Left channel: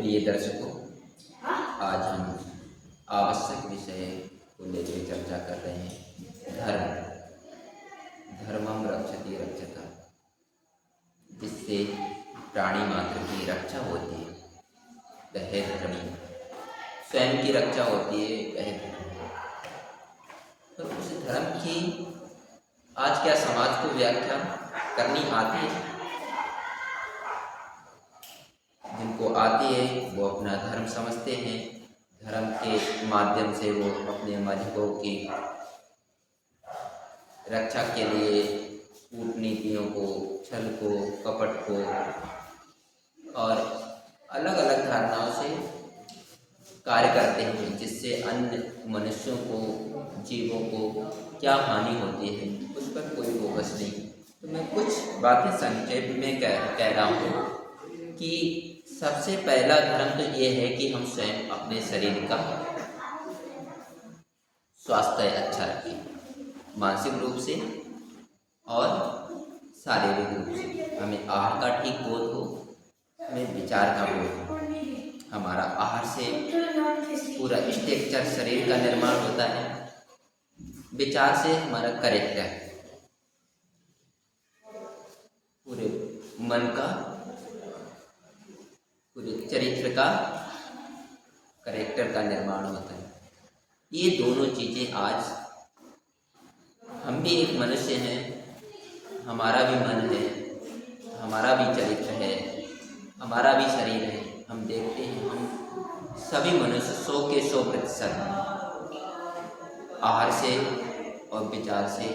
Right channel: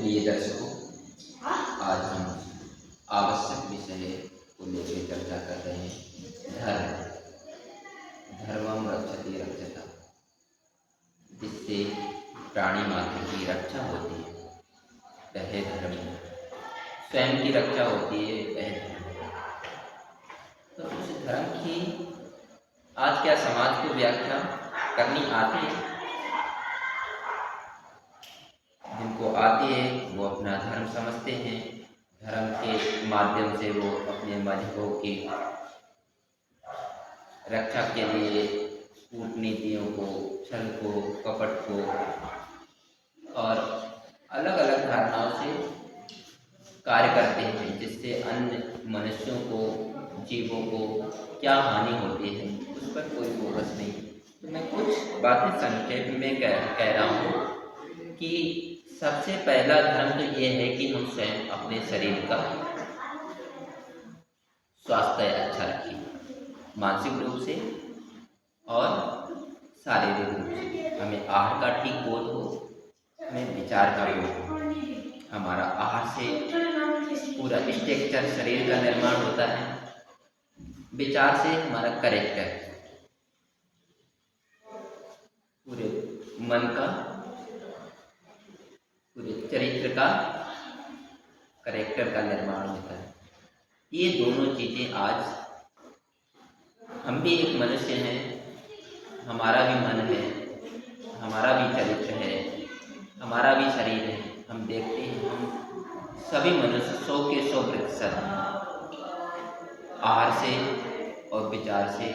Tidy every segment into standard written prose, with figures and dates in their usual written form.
प्रिय दर्शकों, आज हम आवश्यक विषय को लेकर चर्चा कर रहे हैं। धर्मम रक्षति रक्षता, जिससे प्राणी मात्र की रक्षा होती है वह धर्म, स्वयं की रक्षा होती है वह धर्म। तो उस धर्म की आज क्या समाज को व्याख्या करनी आती है? जिनको आती है वो अपना धर्म समझते हैं। धर्म के माध्यम से वो अपने मजहबों की रक्षा के लिए कूटनीतियों को, छल को, कपट को और अलग अलग धारणाओं से कार्य करते हैं, जिससे अन्य मनुष्यों को, जीवों को क्या हानि होती है उस पर कोई फोकस नहीं। तो मैं कुछ बातें संक्षेप में कह रहा हूँ कि सबसे पहला धर्म तो ये है कि हम स्वयं अपने शरीर का स्वास्थ्य अच्छा रखें, मानसिक रूप से और शारीरिक रूप से। हमें आहार का ठीक बोध हो, हमें विचार का बोध हो। हमारा आहार से पूरा स्ट्रक्चर शरीर का निर्माण होता है, विचार से हमारा करेक्टर, पूरे मन का, पूरे चरित्र का, करेक्टर का निर्माण होता है। ये दोनों चीज़ें आज हम भी एक मनुष्य हैं, हमारा भी मन है, हमारा भी चरित्र है, हमारा भी शरीर है। हम देखते हैं हम सभी मनुष्य 100 के 100% आहार से और विचार से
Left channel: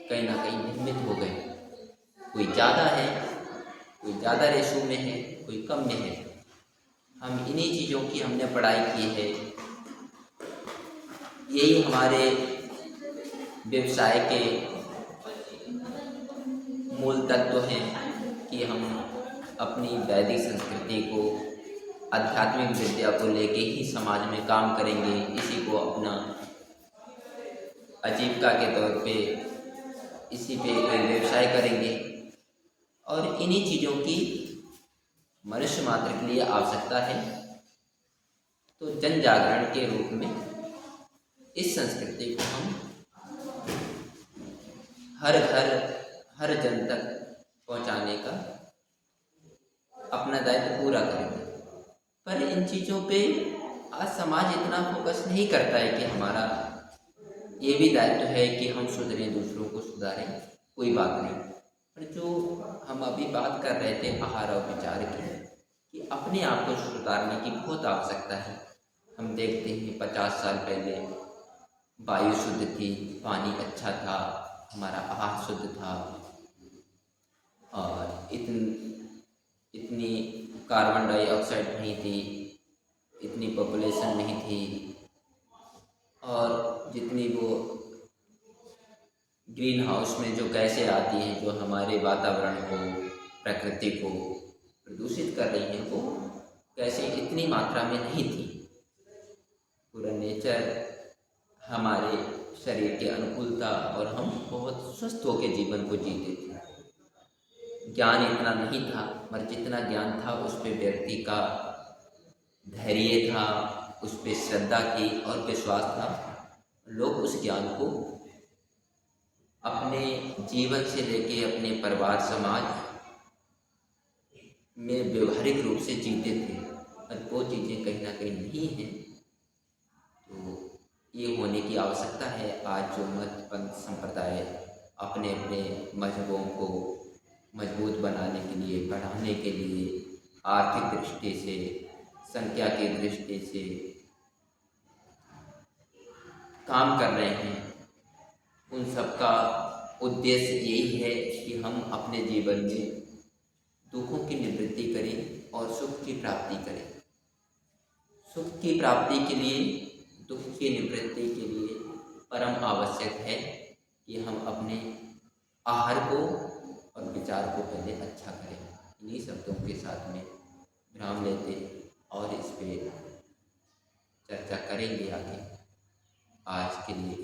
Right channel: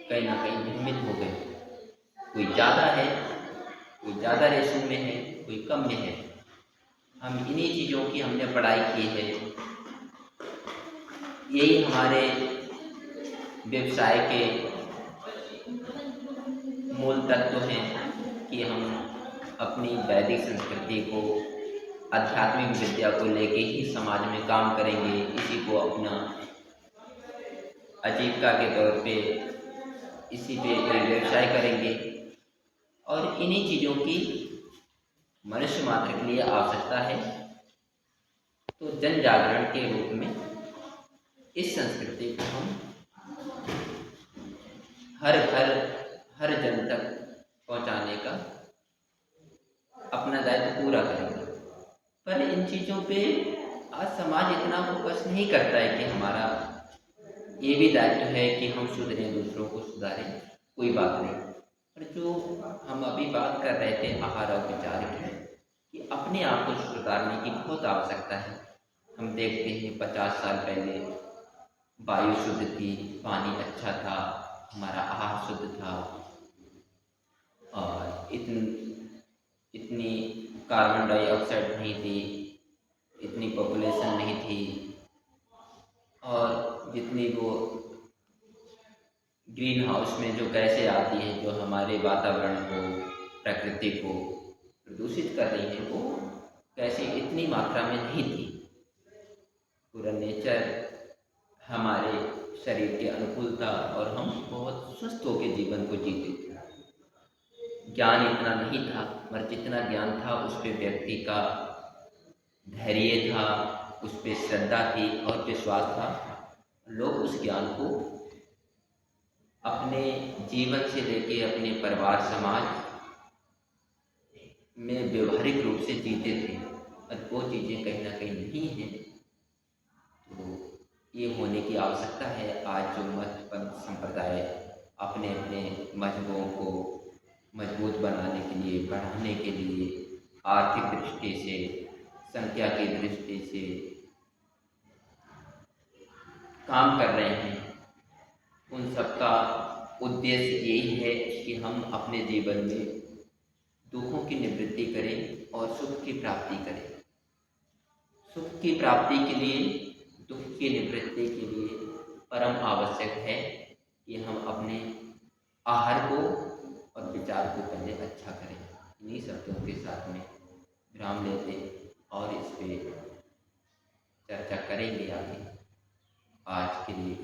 कहीं ना कहीं निर्मित हो गए। कोई ज़्यादा है, कोई ज़्यादा रेशो में है, कोई कम में है। हम इन्हीं चीज़ों की हमने पढ़ाई की है। यही हमारे व्यवसाय के मूल तत्व हैं कि हम अपनी वैदिक संस्कृति को, आध्यात्मिक विद्या को लेके ही समाज में काम करेंगे। इसी को अपना आजीविका के तौर पे, इसी पे कोई व्यवसाय करेंगे और इन्हीं चीज़ों की मनुष्य मात्र के लिए आवश्यकता है। तो जन जागरण के रूप में इस संस्कृति को हम हर घर, हर जन तक पहुंचाने का अपना दायित्व पूरा करेंगे। पर इन चीज़ों पे आज समाज इतना फोकस नहीं करता है कि हमारा ये भी दायित्व है कि हम सुधरें, दूसरों को सुधारें, कोई बात नहीं। पर जो हम अभी बात कर रहे थे आहार और विचार की, कि अपने आप को सुधारने की बहुत आवश्यकता है। हम देखते हैं 50 साल पहले वायु शुद्ध थी, पानी अच्छा था, हमारा आहार शुद्ध था और इतनी कार्बन डाइऑक्साइड नहीं थी, इतनी पॉपुलेशन नहीं थी और जितनी वो ग्रीन हाउस में जो गैसें आती हैं, जो हमारे वातावरण को, प्रकृति को प्रदूषित कर रही हैं, वो गैसें इतनी मात्रा में नहीं थी। पूरा नेचर हमारे शरीर के अनुकूल था और हम बहुत स्वस्थ होकर जीवन को जीते थे। ज्ञान इतना नहीं था, मगर जितना ज्ञान था उस पर व्यक्ति का धैर्य था, उस पर श्रद्धा थी और विश्वास था। लोग उस ज्ञान को अपने जीवन से लेके अपने परिवार, समाज में व्यवहारिक रूप से जीते थे। और वो चीज़ें कहीं ना कहीं नहीं हैं, तो ये होने की आवश्यकता है। आज जो मत पंथ संप्रदाय अपने अपने मजहबों को मजबूत बनाने के लिए, बढ़ाने के लिए, आर्थिक दृष्टि से, संख्या की दृष्टि से काम कर रहे हैं, उन सबका उद्देश्य यही है कि हम अपने जीवन में दुखों की निवृत्ति करें और सुख की प्राप्ति करें। सुख की प्राप्ति के लिए, दुख की निवृत्ति के लिए परम आवश्यक है कि हम अपने आहार को और विचार को पहले अच्छा करें। इन्हीं शब्दों के साथ में विराम लेते और इस पे चर्चा करेंगे आगे। आज के लिए